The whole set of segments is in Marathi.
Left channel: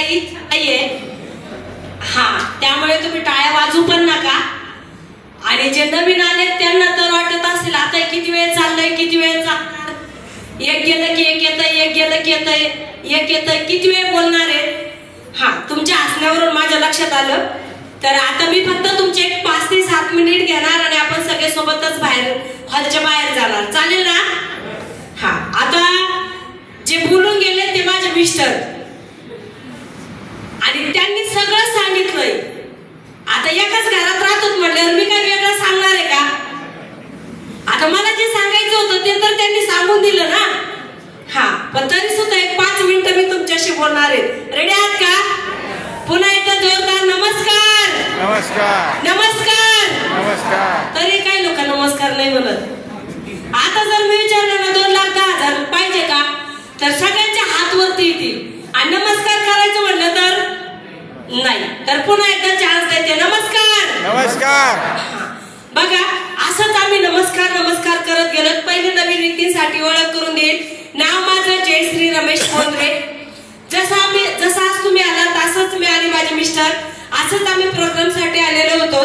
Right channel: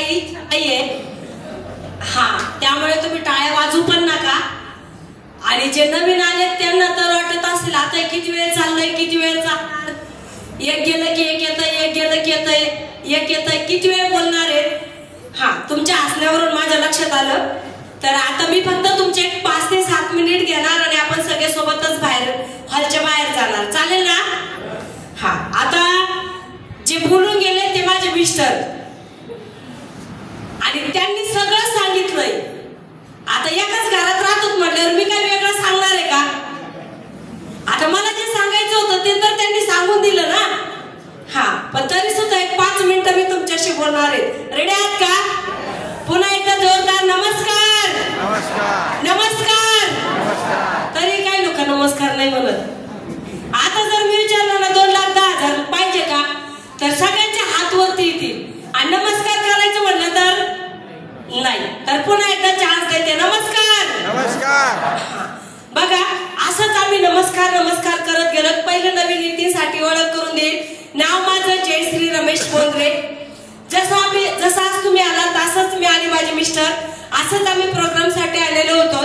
काही नाहीये. हा, त्यामुळे तुम्ही टाळ्या वाजवू पण नका. आणि जे नवीन आले त्यांना तर वाटत असेल आता किती वेळ चाललंय, किती वेळ चालणार, एक गेलं की एक येतंय, एक गेलं की येतंय, एक येतंय, किती वेळ बोलणार आहे. हा, तुमच्या हसण्यावरून माझ्या लक्षात आलं. तर आता मी फक्त तुमचे 5 ते 7 मिनिट घेणार आणि आपण सगळे सोबतच बाहेर हॉलच्या बाहेर जाणार. चालेल ना? हा, आता जे बोलून गेले ते माझे मिस्टर आणि त्यांनी सगळं सांगितलंय. आता एकाच घरात राहतो म्हटल्यावर मी काही वेगळं सांगणार आहे का? आता मला जे सांगायचं होतं ते तर त्यांनी सांगून दिलं ना. हा, पण तरी सुद्धा एक 5 मिनिटं मी तुमच्याशी बोलणार आहे. रेडी आहात का? पुन्हा एकदा जोरदार नमस्कार. नमस्कार नमस्कार नमस्कार. तरी काही लोक नमस्कार नाही म्हणत. आता जर मी विचारलं ना 2,10,000 पाहिजे का, तर सगळ्यांच्या हात वरती येतील. आणि नमस्कार करायचं म्हटलं तर नाही. तर पुन्हा एकदा चान्स देते. नमस्कार नमस्कार. बघा, असंच आम्ही नमस्कार नमस्कार करत गेलो. पहिले नवीन व्यक्तीसाठी ओळख करून देईल. नाव माझं जयश्री रमेश कोंडरे. जसं आज तुम्ही आला तसंच मी आणि माझे मिस्टर असंच आम्ही प्रोग्राम साठी आलेलो होतो.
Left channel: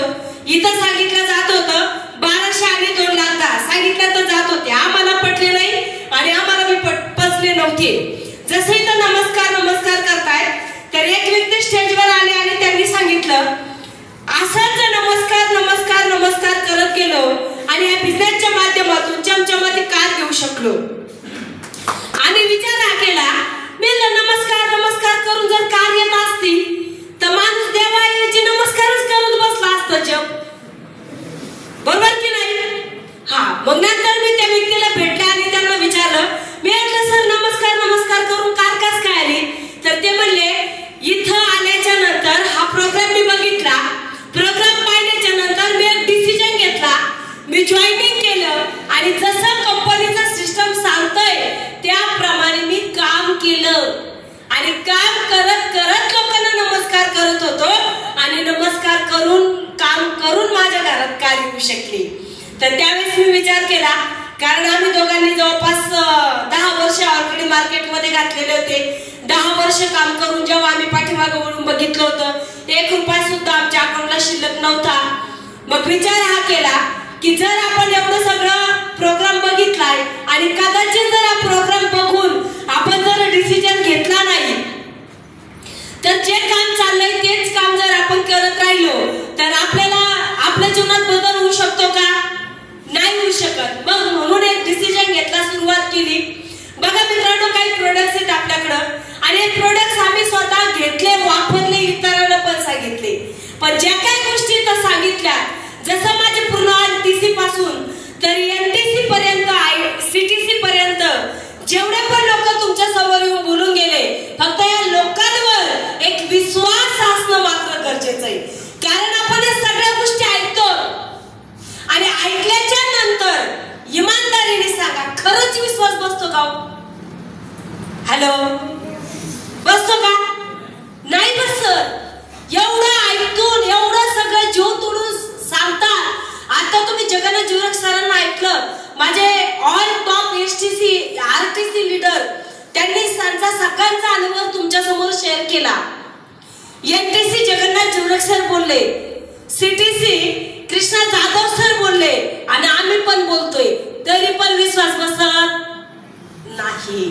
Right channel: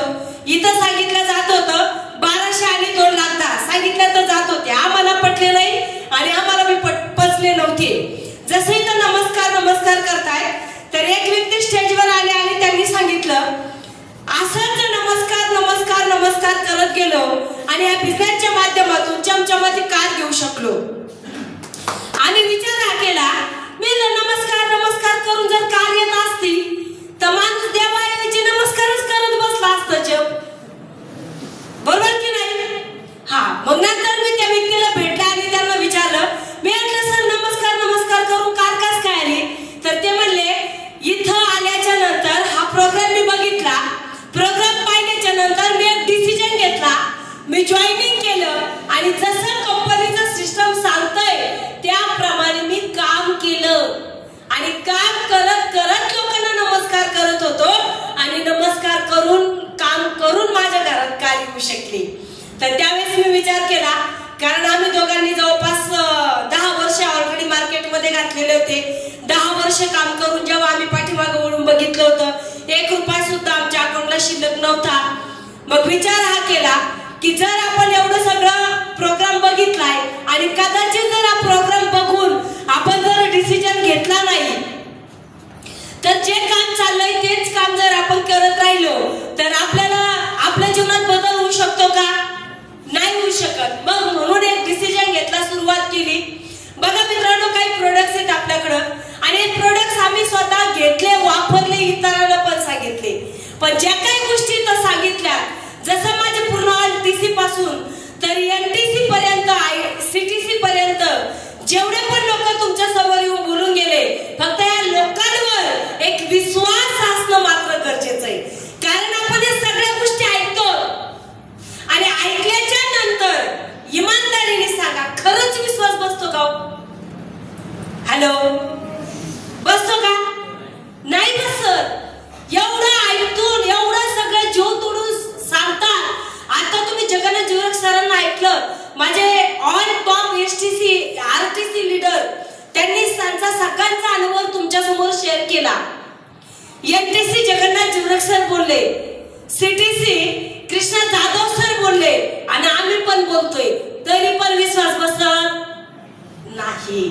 इथं सांगितलं जात होतं 1200 आणि 2,10,000 सांगितलं तर जात होते. आम्हाला पटले नाही आणि आम्हाला मी पचले नव्हते. जसं इथं नमस्कार नमस्कार करतायत तर एक व्यक्ती स्टेजवर आले आणि त्यांनी सांगितलं असंच नमस्कार नमस्कार नमस्कार करत गेलो आणि या बिझनेसच्या माध्यमातून चमचमाती कार घेऊ शकलो. आम्ही विचार हा केला, मी नमस्कार नमस्कार करून जर कार येत असती तर माणूस देवाची नमस्कारच करत बसला असतं जग. बरोबर की नाही? हा, मग नंतर मी त्या व्यक्तीला भेटले आणि त्यांना विचारलं, मी म्हटलं सर नमस्कार नमस्कार करून कार कस काय आली? तर ते म्हणले इथं आल्याच्या नंतर हा प्रोग्राम मी बघितला. प्रोग्राम पाहिल्याच्या नंतर मी एक डिसिजन घेतला. मी जॉईनिंग केलं आणि जसं कंपनीचं सिस्टम सांगतंय त्याप्रमाणे मी काम केलं आणि काम करत करत लोकांना नमस्कार करत होतो आणि नमस्कार करून काम करून माझ्या घरात कार येऊ शकली. तर त्यावेळेस मी विचार केला, कारण आम्ही दोघांनी जवळपास 10 वर्ष ऑलरेडी मार्केटमध्ये घातलेले होते. 10 वर्ष काम करून जेव्हा आम्ही पाठीमागे वळून बघितलं होतं 1 रुपया सुद्धा आमच्या अकाउंटला शिल्लक नव्हता. मग विचार हा केला की जर आपण एवढं सगळं प्रोग्राम बघितलाय आणि कदाचित जर हा प्रोग्राम बघून आपण जर डिसिजन घेतला नाही तर जे काम चाललंय तेच काम जर आपण करत राहिलो तर आपल्याला आपल्या जीवनात बदल होऊ शकतो का? नाही होऊ शकत. मग म्हणून एक डिसिजन घेतला, सुरुवात केली. बघा मित्रांनो, काही प्रोडक्ट्स आहेत आपल्याकडं आणि हे प्रोडक्ट्स आम्ही स्वतः घेतले, वापरले, इतरांना पण सांगितले. पण ज्या काही गोष्टी तर सांगितल्या, जसं माझे पूर्ण TC पासून तर NTC पर्यंत, CTC पर्यंत जेवढे पण लोक तुमच्या समोर येऊन बोलून गेले, फक्त या लोकांवर एक विश्वास असणं मात्र गरजेचं आहे. कारण आपण या सगळ्या गोष्टी ऐकतो आणि ऐकल्याच्या नंतर इमानदारीने सांगा, खरंच विश्वास बसतो का? हॅलो, बसतो का? नाही बसत. एवढं ऐकून एवढं सगळं जीव तोडून सांगतात. आता तुम्ही जगन्नाथ जुरक सरांना ऐकलं, माझे ऑल टॉप RTC लीडर, त्यांनी त्यांचा सगळ्यांचा अनुभव तुमच्या समोर शेअर केला. NTC जगन्नाथ जुरक सर बोलले, CTC कृष्णा जाधव सर बोलले आणि आम्ही पण बोलतोय, तरी पण विश्वास बसत नाही.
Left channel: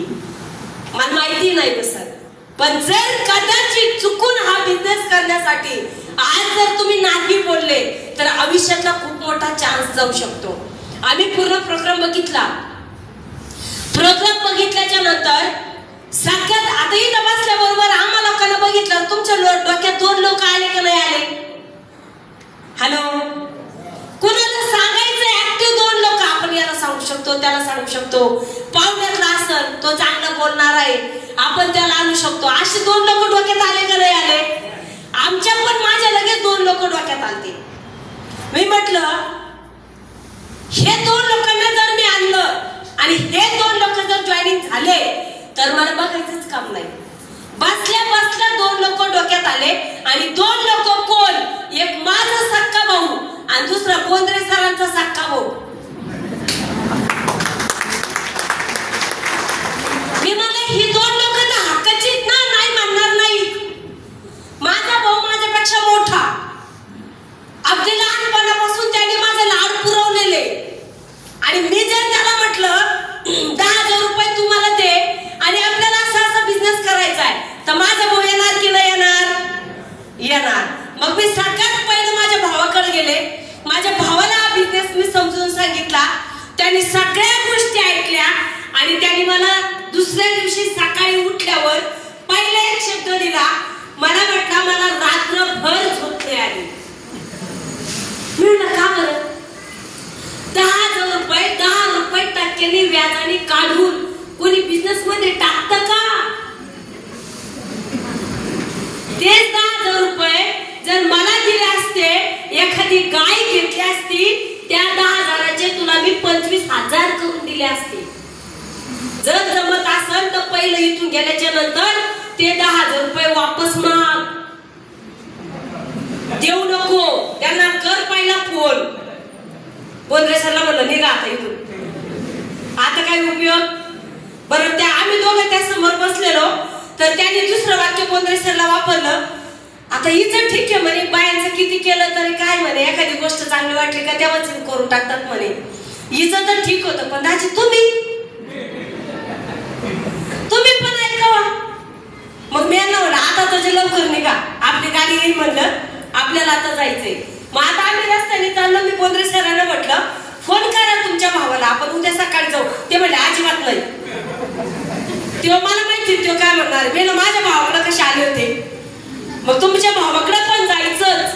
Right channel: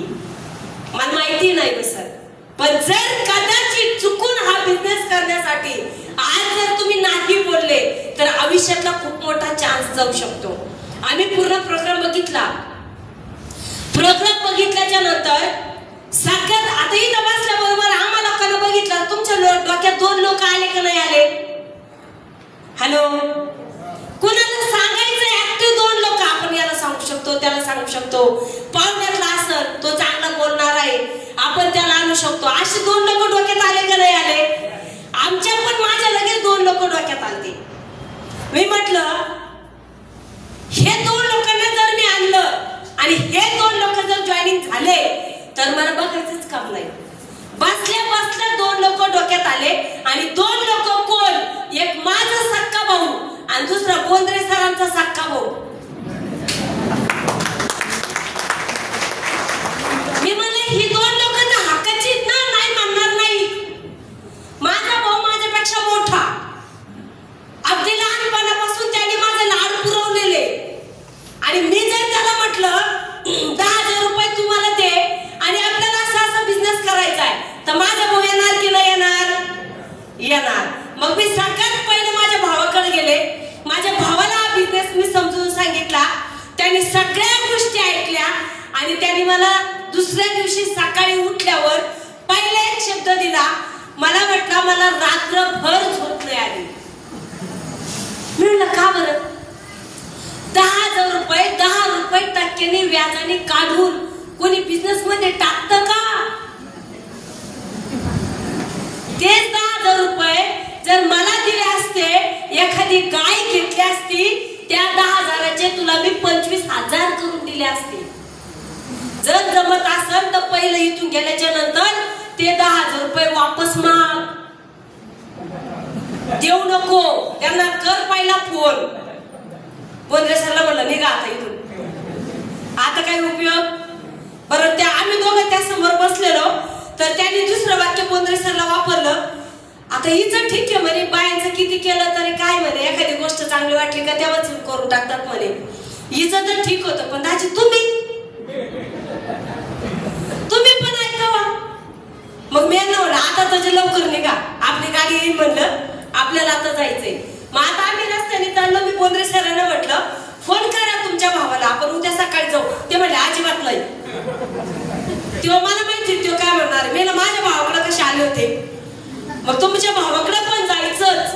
मला माहिती नाही बसत. पण जर कदाचित चुकून हा बिझनेस करण्यासाठी आज जर तुम्ही नाही बोलले तर आयुष्यातला खूप मोठा चान्स जाऊ शकतो. आम्ही पूर्ण प्रोग्राम बघितला. प्रोग्राम बघितल्याच्या नंतर सगळ्यात आता इथं बसल्याबरोबर आम्हाला लोकांना बघितलं, तुमच्या डोक्यात 2 लोक आले का नाही आले? हॅलो, कुणाला सांगायचं ऍक्टिव्ह 2 लोक, आपण याला सांगू शकतो, त्याला सांगू शकतो, पाहुण्यातला असत तो चांगला बोलणार आहे, आपण त्याला आणू शकतो. असे 2 लोक डोक्यात आले का नाही आले? आमच्या पण माझ्या लगेच 2 लोक डोक्यात आले. मी म्हटलं हे 2 लोकांना जर मी आणलं आणि हे 2 लोक जर जॉईनिंग झाले तर मला बघायचंच काम नाही. बसल्या बसल्या 2 लोक डोक्यात आले आणि 2 लोक कोण? एक माझा सक्का भाऊ आणि दुसरा कोंद्रे सरांचा सक्का भाऊ. मी म्हणले ही 2 लोक तर हक्काची ना, नाही म्हणणार नाही. सांगितला, त्यांनी सगळ्या गोष्टी ऐकल्या आणि त्यांनी मला दुसऱ्या दिवशी सकाळी उठल्यावर पहिला एक शब्द दिला. मला म्हटला, मला रात्रभर झोप नाही आली. मी म्हटलं का बरं? 10,000 रुपये 10 रुपये टक्क्याने व्याजाने काढून कोणी बिझनेस मध्ये टाकतं का? तेच 10,000 रुपये जर मला दिले असते, एखादी गाय घेतली असती, त्या 10,000चे तुला मी 25,000 करून दिले असते. जर जमत असेल तर पहिलं इथून गेल्याच्या नंतर ते 10,000 रुपये वापस माग, देऊ नको. त्यांना कर पहिला फोन. बोंद्रे सरला म्हणलं निघा आता इथून, आता काय उपयोग. बरं, त्या आम्ही दोघं त्या समोर बसलेलो, तर त्यांनी दुसरं वाक्य बोंद्रे सरला वापरलं. आता हिचं ठीक आहे म्हणे, बायांचं किती केलं तरी काय म्हणे, एखादी गोष्ट चांगली वाटली का तेव्हाच करून टाकतात म्हणे. हिचं तर ठीक होतं, पण दाजी तुम्ही पण ऐकावा. मग मी म्हणलं आता तुझे लवकर निघा, आपली गाडी येईल म्हणलं, आपल्याला आता जायचंय. मग आता आम्ही रस्त्याने चाललो. मी बोंद्रे सरांना म्हटलं, फोन करा तुमच्या भावाला, आपण उद्या सकाळी जाऊ. ते म्हणले अजिबात नाही. तेव्हा मला माहिती तो काय म्हणणार. मी माझ्या भावाकडे कसे आले होते, मग तुमच्या भावाकडे पण जायचंच.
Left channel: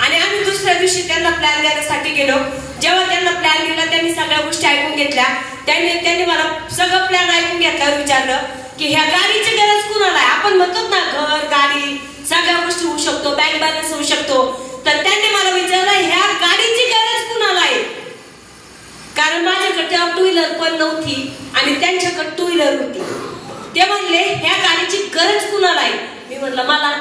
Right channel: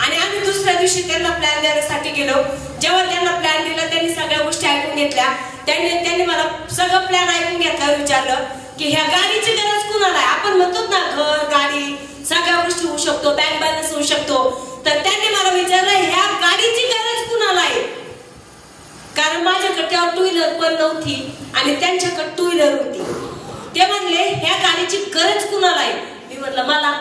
आणि आम्ही दुसऱ्या दिवशी त्यांना प्लॅन देण्यासाठी गेलो. जेव्हा त्यांना प्लॅन दिला, त्यांनी सगळ्या गोष्टी ऐकून घेतल्या. त्यांनी मला सगळं प्लॅन ऐकून घेतल्यावर विचारलं की ह्या गाडीची गरज कुणाला आहे. आपण म्हणतो ना घर गाडी सगळ्या गोष्टी होऊ शकतो, बँक बॅलन्स होऊ शकतो. तर त्यांनी मला विचारलं ह्या गाडीची गरज कुणाला आहे. कारण माझ्याकडे तेव्हा 2 व्हीलर पण नव्हती आणि त्यांच्याकडे 2 व्हीलर होती. ते म्हणले ह्या गाडीची गरज कुणाला आहे. मी म्हटलं मला.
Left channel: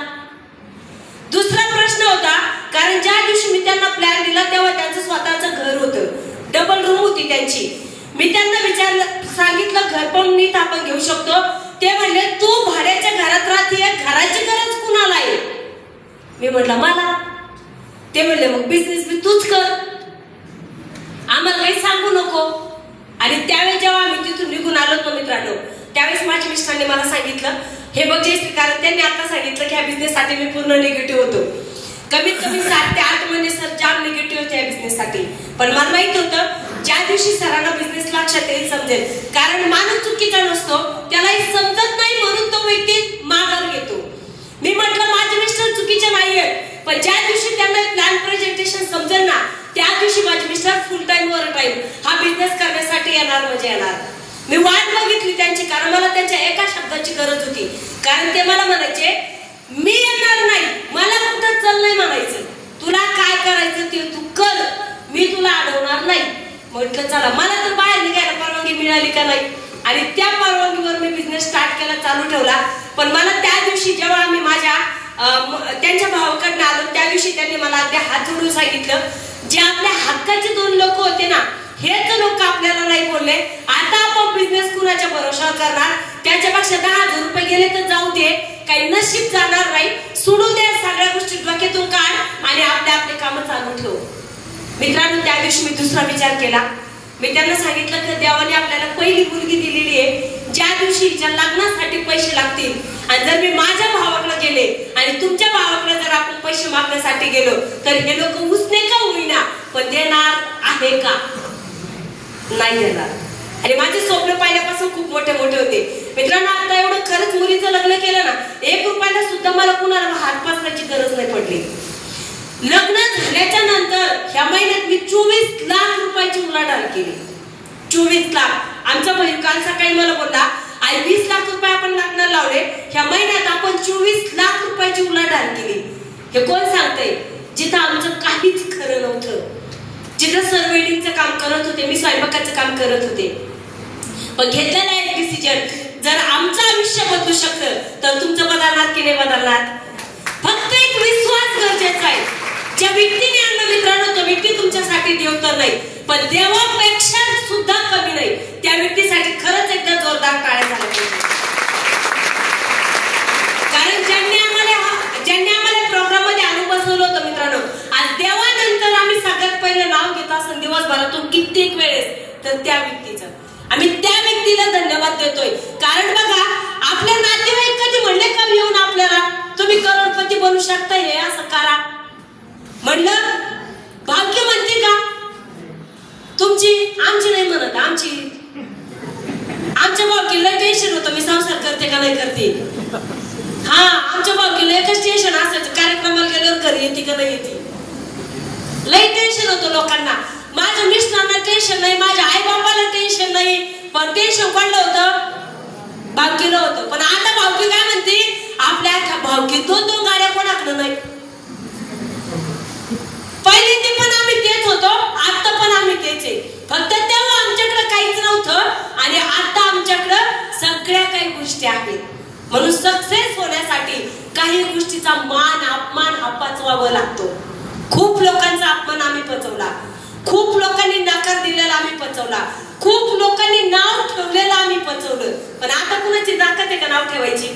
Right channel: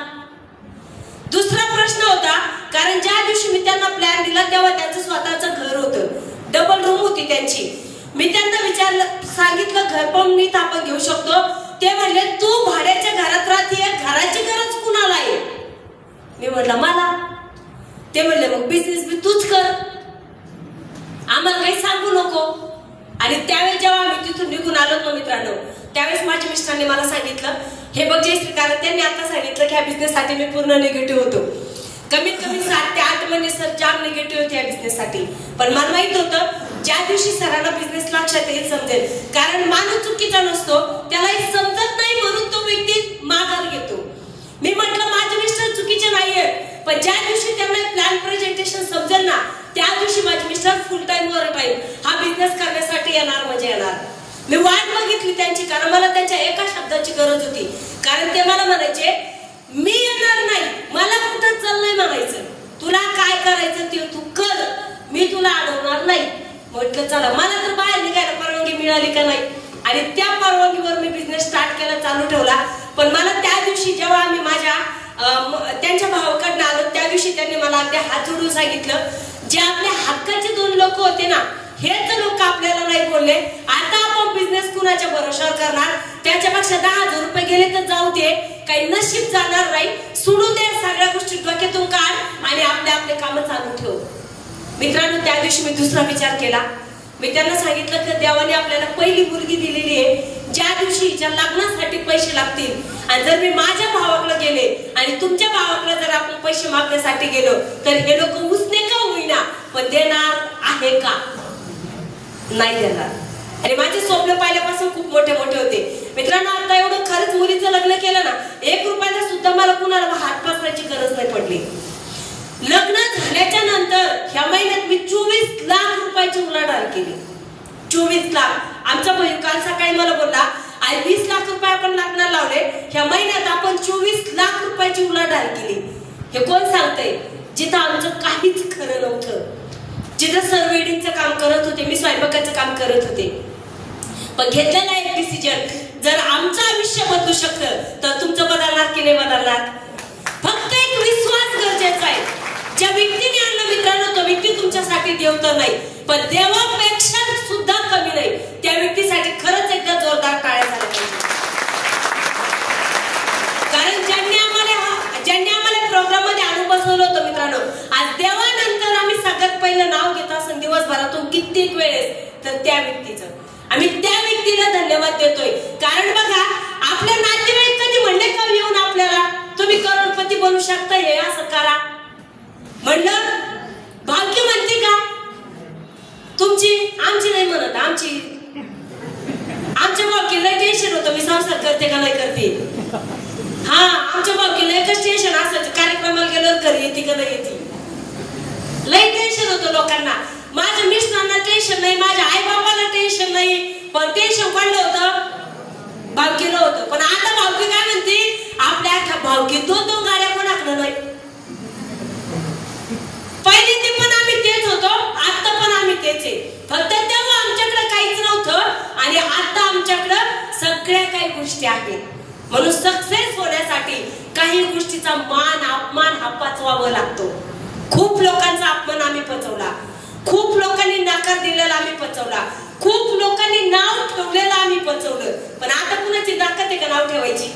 दुसरा प्रश्न होता, कारण ज्या दिवशी मी त्यांना प्लॅन दिला तेव्हा त्यांचं स्वतःचं घर होतं, डबल रूम होती त्यांची. मी त्यांना विचारलं, सांगितलं घर पण नीट आपण घेऊ शकतो. ते म्हणले तू भाड्याच्या घरात राहते, घराची गरज कुणाला आहे. मी म्हटलं मला. ते म्हणले मग बिझनेस बी तूच कर, आम्हाला काही सांगू नको. आणि त्यावेळेस जेव्हा आम्ही तिथून निघून आलो ना मित्रांनो, त्यावेळेस माझ्या मिस्टरांनी मला सांगितलं, हे बघ जयश्री, कारण त्यांनी आता सांगितलं की ह्या बिझनेससाठी मी पूर्ण निगेटिव्ह होतो. कमीत कमी 7 ते 8 महिने सर जाम निगेटिव्ह होते या बिझनेससाठी. पण मला माहित होतं ज्या दिवशी सरांना बिझनेस लक्षात येईल समजेल, कारण माणूस चुकीचा नसतो, त्यालाही समजत नाही म्हणून तो व्यक्ती माघार घेतो. मी म्हटलं माझे मिस्टर चुकीचे नाहीये, पण ज्या दिवशी त्यांना प्लॅन प्रेझेंटेशन समजेल ना, त्या दिवशी माझे मिस्टर फुल टाइम ओव्हर टाइम हा बिझनेस करण्यासाठी येणार म्हणजे येणार. मी वाट बघितली त्यांची, कारण मला त्यांच्या एका शब्दाची गरज होती. कारण ते मला म्हणायचे मी येणार नाही, मला कुठं चल नाही म्हणायचं, तुला काय करायचं ते तू कर, मी तुला अडवणार नाही. म्हटलं चला. मला तर बाहेर निघायला परवानगी मिळाली का नाही, आणि त्या परवानगीवर मी बिझनेस स्टार्ट करायला चालू ठेवला. पण मला त्या दिवशी जेव्हा आम्ही त्यांच्या भावाकडनं आलो, त्या दिवशी त्यांनी मला अगदी हात जोडून सांगितलं, जे आपल्या हक्काचे 2 लोक होते ना, हेच लोक आपल्याला नाही बोलले. आता आपण बिझनेस कुणाच्या भरोशावर करणार, त्याच्यापेक्षा 10,000 रुपये गेले तर जाऊ दे, काही नशीब जाणार नाही, सोडू दे, सगळ्या गोष्टी डोक्यातून काढ आणि आपले काम चालू ठेव. मित्रांनो, त्या दिवशी मी दुसरा विचार केला. मी त्यांना सांगितलं की देवाने आपल्याला पहिली मुलगी दिलेली आहे, ज्या दिवशी ज्या लग्नासाठी पैसे लागतील, आणि जर मी माझ्या भावाकडे गेले आणि तुमच्या भावाकडे जर आपण पैसे मागण्यासाठी गेलो तर हे लोक उसने का होईना पण देणार आहे का, नाही देणार. आणि माझे स्वप्न पाहिल्यापासून खूप मोठे मोठे होते. मित्रांनो, आता एवढं खरंच मुलीचं लग्न केलं ना, 1 रुपयाला सुद्धा मला कुणाला हात पसरायची गरज नाही पडली. लग्न झाल्याच्या नंतर ह्या महिन्यात मी 24 लाख रुपयाची उलाढाल केली. 24 लाख. आमचा बहीण काल सकाळी मला बोलला, आई 20 लाख रुपये आपण लग्नाला लावले, ह्या महिन्यात आपण 24 लाख रुपयाची उलाढाल केली. हे कोण सांगतंय? जिथं आमचं काहीच खरं नव्हतं, जिथं सर वेडिंगचं काम करत होते, मी स्वयंपाकाचं काम करत होते. पण घेतलेला एक डिसिजन, जर आमचं आयुष्य बदलू शकतं तर तुमचं बदलणार की नाही बदलणार? फक्त एक विश्वास गरजेचा आहे. ज्या व्यक्तीने आणलं मित्रांनो, तो व्यक्ती तुमच्यासाठी देव तर नाही, पण देवापेक्षा सुद्धा कमी नाही. त्या व्यक्तीसाठी खरंच एकदा जोरदार टाळ्या झाल्या पाहिजे. कारण ज्यांनी आम्हाला प्रोग्राम मध्ये आणून बसवलं होतं मित्रांनो, आज देवानंतर आम्ही सगळ्यात पहिलं नाव घेत असं दिवसभरातून कित्येक वेळेस, तर त्या व्यक्तीचं आम्ही त्या व्यक्तीला धन्यवाद देतोय. कारण बघा, आपल्या नातेवाईक कधी म्हणले का येऊन आपल्याला तुम्ही करोडपती बनू शकता, हे असं करा म्हणलं, भाग्य म्हणते का? आमच्या भावकीला टेन्शन होतं, मी संसार करते का नाही करते. हा, आमच्या भावकीला एकच टेन्शन असायचं, कार्यक्रमाला गेल्यावर घरी येते का नाही येते. लई टेन्शन होतं लोकांना. माझ्या मिस्टरांना टेन्शन नाही, माझ्या आई बाबाला टेन्शन नाही, पण टेन्शन कोणलं होतं? भावकीला होतं. पण आता भावकी काय म्हणते, आपल्या अख्ख्या भावकीत 2-2 गाड्या कोणाकडं नाही. पहिली ते पण आम्ही तेच होतो, आता पण आम्ही तेच आहे. फक्त तेव्हा आमच्याकडे काहीच नव्हतं आणि आता आमच्याकडं सगळ्या काही गोष्टी आहेत. म्हणून सक्सेस होण्यासाठी काही गोष्टीचा मान अपमान हा पचवावा लागतो. खूप लोकांचा अपमान आम्ही पचवला, खूप लोकांनी नकार दिलेला आम्ही पचवला, खूप लोकांनी नाव ठेवलेलं आम्ही पचवलं. पण आता कुणाची ताकद आहे का नाव ठेवायची?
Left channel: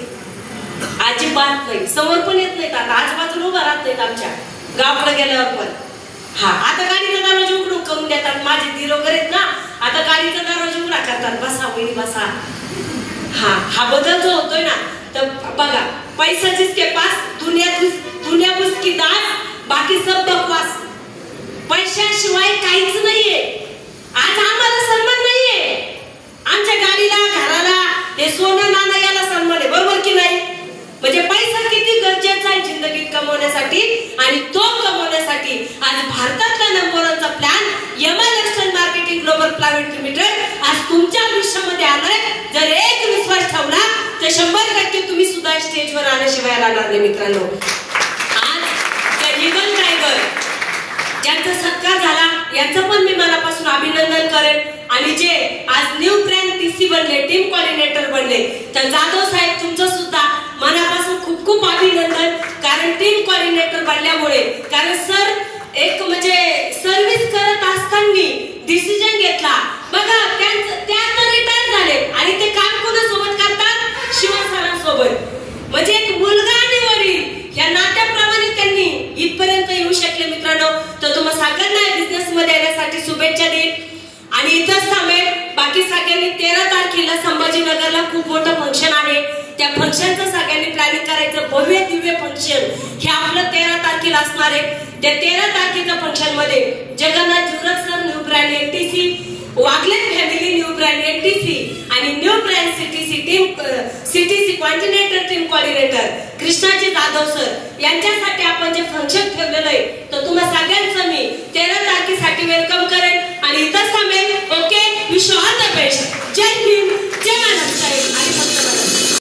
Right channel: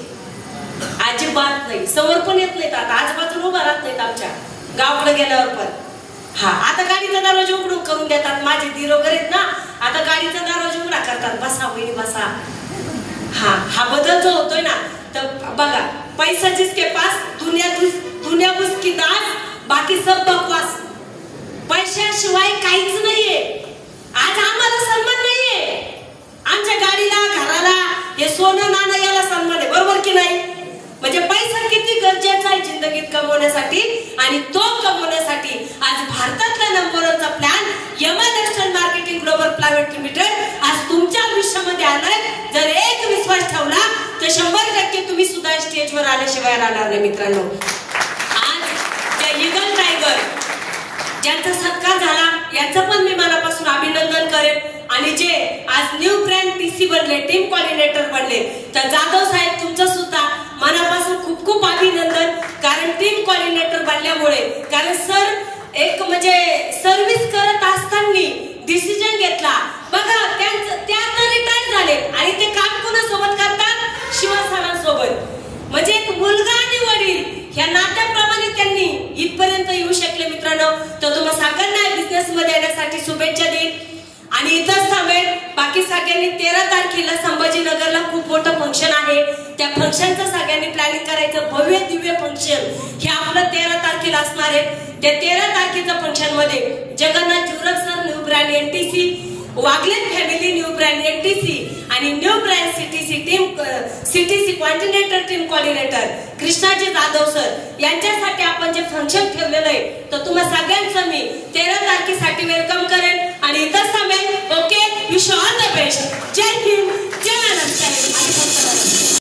अजिबात नाही. समोर पण येत नाहीत, आता आजूबाजूला उभा राहत नाहीत आमच्या गावाकडे गेल्यावर पण. हा, आता गाडीचा दरवाजा उघडून करून देतात. माझे दीर वगैरे आहेत ना, आता गाडीचा दरवाजा उघडा करतात, बसा वहिनी बसा. हा बदल जो होतोय ना, तर बघा, पैसा जिसके पास दुनिया उसकी दान, बाकी सब बकवास. पैशाशिवाय काहीच नाहीये. आज आम्हाला सन्मान नाहीये. आमच्या गाडीला, घराला, हे सोनं नाणं याला सन्मान आहे, बरोबर की नाही? म्हणजे पैसा किती गरजेचा आहे जिंदगीत कमवण्यासाठी, आणि तो कमवण्यासाठी आज भारतातला नंबर 1चा plan Yamlakshman marketing global private limited आज तुमच्या आयुष्यामध्ये आलाय. जर एक विश्वास ठेवला तर 100% तुम्ही सुद्धा स्टेजवर आल्याशिवाय राहणार नाही मित्रांनो. आज त्या ईगल टायगर ज्यांचा सत्कार झाला यांचं पण मी मनापासून अभिनंदन करेन. आणि जे आज न्यू ब्रँड टीसी बनले, टीम कोऑर्डिनेटर बनले, तर जाधव साहेब तुमचं सुद्धा मनापासून खूप खूप अभिनंदन. कारण टीम कोऑर्डिनेटर बनल्यामुळे, कारण सर एक म्हणजे सर्व्हिस करत असताना डिसिजन घेतला. बघा, त्या रिटायर झाले आणि ते काम कोणासोबत करतात? शिवसरांसोबत. म्हणजे एक मुलगा आणि वडील या नात्याप्रमाणे त्यांनी इथपर्यंत येऊ शकले मित्रांनो. तर तुम्हाला सगळ्यांना बिझनेस मध्ये येण्यासाठी शुभेच्छा देईन. आणि इथंच थांबेल. बाकी सगळ्यांनी 13 तारखेला संभाजीनगरला खूप मोठं फंक्शन आहे, त्या फंक्शनचं सगळ्यांनी प्लॅनिंग करायचं. भव्य दिव्य फंक्शन हे आपलं 13 तारखेला असणार आहे. त्या 13 तारखेच्या फंक्शन मध्ये Jagannath jewellers sir new brand NTC, Wagle family new brand NTC आणि new brand CTC continental team coordinator Krishnaji Jadhav sir यांच्यासाठी आपण जे फंक्शन ठेवलेलं आहे, तर तुम्हाला सगळ्यांचं मी 13 तारखेसाठी वेलकम करेन आणि इथंच थांबेन. Okay, wish all the best. Jai